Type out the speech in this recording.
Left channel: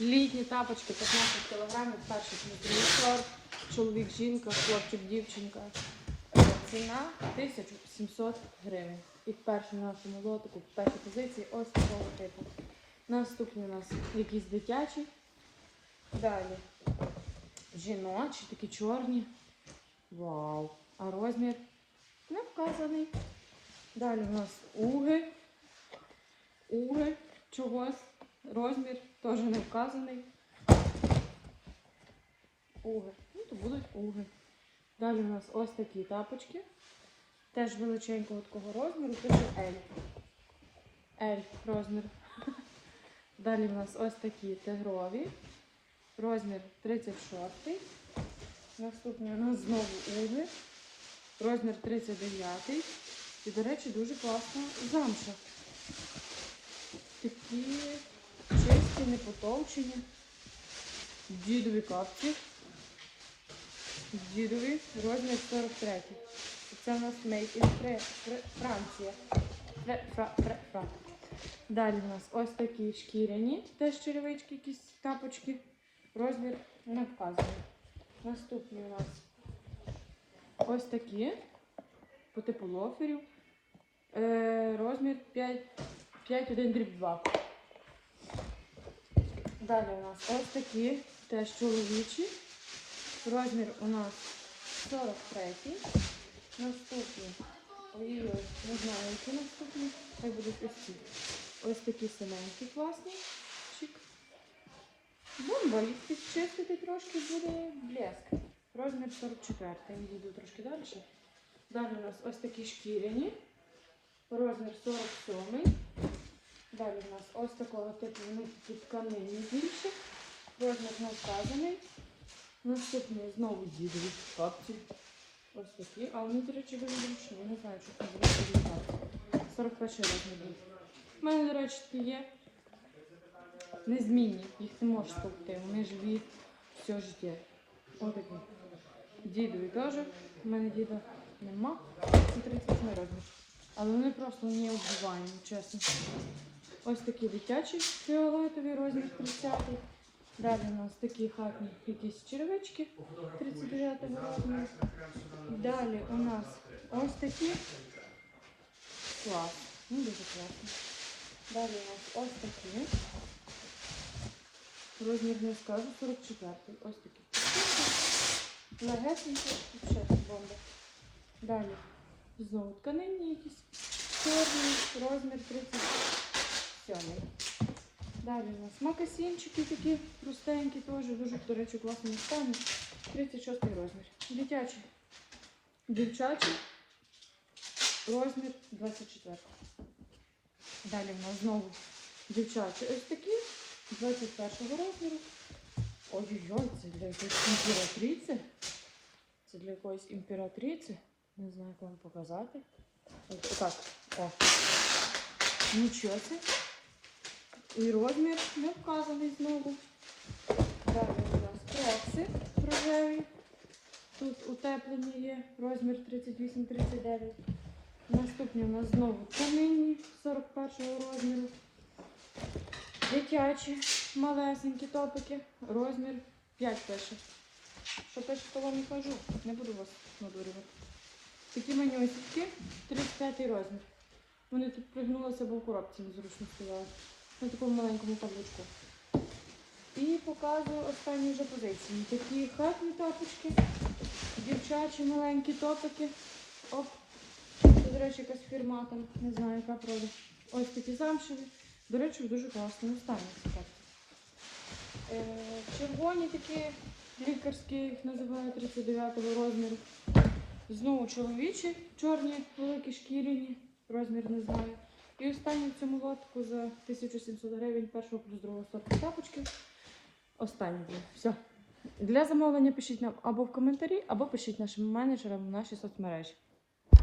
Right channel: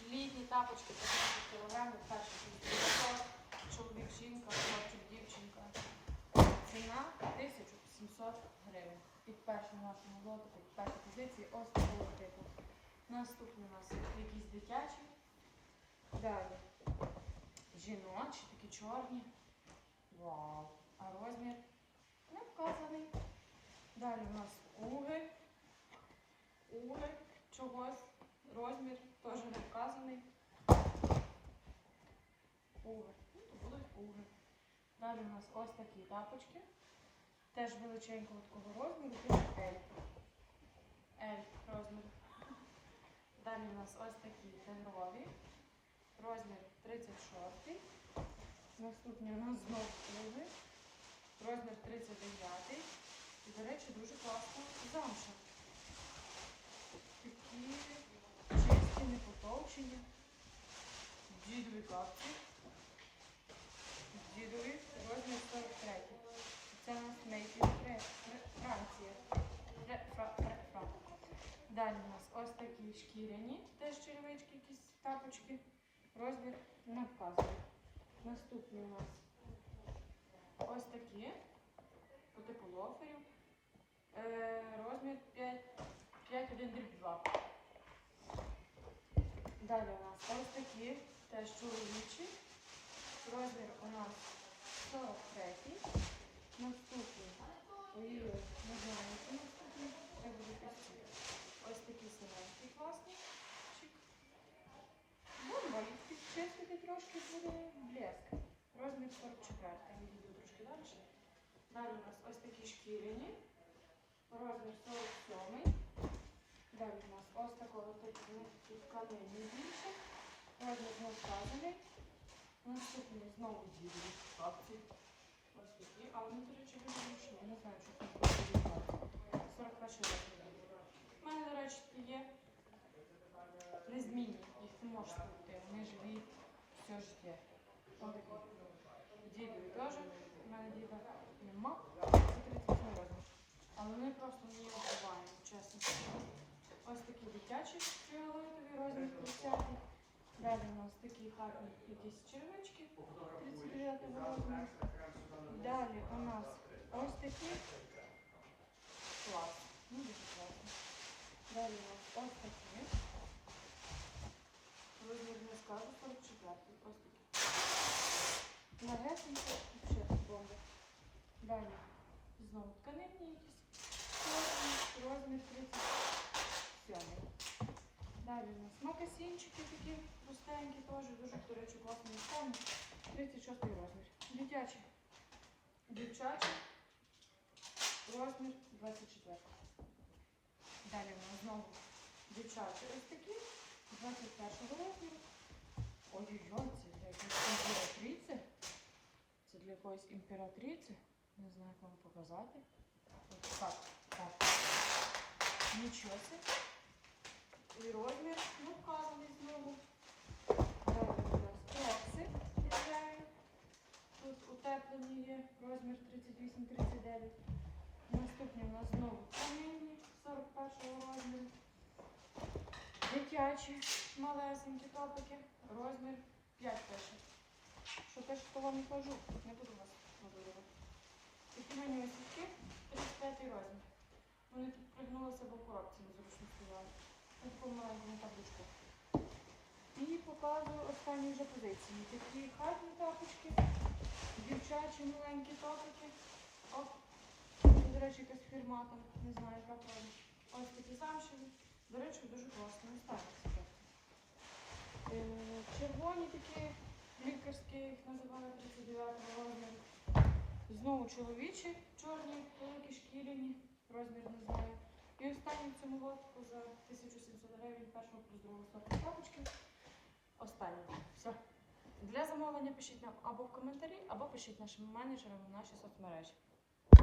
Літні тапочки 15 кг, перший другий. Чоловік, жінка, хлопчик, дівчинка. Е, Ціна 1700 гривень. І перший на нашому лотику, в першій позиції ось такого типу. Наступний у нас якісь дитячі. Далі жіночі, такі чорні. Вау! А розмір не вказаний. Далі у нас уги. Уги чогось. Розмір теж не вказаний. Уги. Ну, то будуть уги. Далі у нас ось такі тапочки. Теж величенького такого розміру, пише L. L розмір. Далі у нас ось такі тигрові. Розмір 36. Наступний у нас знову уги. Розмір 39. І, до речі, дуже класна замша. Такі чисті, не потовчені. Дідові капці. Дідові розмір 43. Це у нас Made in Франція. Далі у нас ось такі шкіряні, теж черевички, якісь тапочки. Розмір не вказаний. Наступні у нас ось такі по типу лоферів. Е, розмір 5, 5,1 дріб 2. Далі у нас ось такі теж чоловічі. Розмір у нас 43. Наступні. Ой, не знаю, які наступні. Хай будуть ось ці. Ось такі синенькі класні. Чик. Бомба, їх підчистити трошки буде блеск. Розмір 44. Йду трошки далі. Далі у нас ось такі шкіряні. Розмір 47. Далі у нас ось такого типу вони тут тканинні. Розмір не вказаний. Наступний знову дідові капці. Ось такі. А вони, до речі, дуже зручні. Я не знаю, що буде виглядати. 41 розмір. У мене, до речі, такі є. Незмінні. Їх не можеш стовпти. Вони живі все життя. Отакі. Дідові теж. У мене діда нема. Це 37 розмір. Але вони просто не оббиваємо, чесно. Ось такі дитячі фіолетові розмір 30. Далі у нас такі хатні якісь черевички 39 розміру. Далі у нас ось такі. Клас. Ну, дуже класно. Далі у нас ось такі. Розмір не скажу, 44. Ось такі. Легесенькі, ще бомба. Далі. Знову тканинні якісь. Чорний, розмір 37. Далі у нас макасинчики такі простенькі, теж дуже, до речі, класно стані. 36 розмір. Дитячі. Дівчачі. Розмір 24. Далі у нас знову дівчачі ось такі. 21 розміру. Ой-ой-ой, це для якоїсь імператриці. Це для якоїсь імператриці. Не знаю, як вам показати. Ось так. О. Нічого це. І розмір не вказаний знову. Далі у нас крокси рожеві. Тут утеплені є розмір 38-39. Наступні у нас знову тканинні 41-го розміру. Дитячі малесенькі топики. Розмір 5 пише. Що пише, того не кажу. Не буду вас надурювати. Такі манюсики, 35 розмір. Вони тут пригнулися, бо в коробці незручно стояли. На такому маленькому табличку. І показую останні вже позиції. Такі хатні топочки, дівчачі маленькі топики. Оп. До речі, якась фірма там, не знаю, яка прода. Ось такі замшеві. До речі, в дуже класному стані. Е, червоні такі лікарські, їх називають 39-го розміру. Знову чоловічі, чорні, великі шкіряні, розмір не знаю. І останню в цьому лотку за 1700 гривень першого плюс другого сорту тапочки. Останній. Все. Для замовлення пишіть нам або в коментарі, або пишіть нашим менеджерам в наші соцмережі.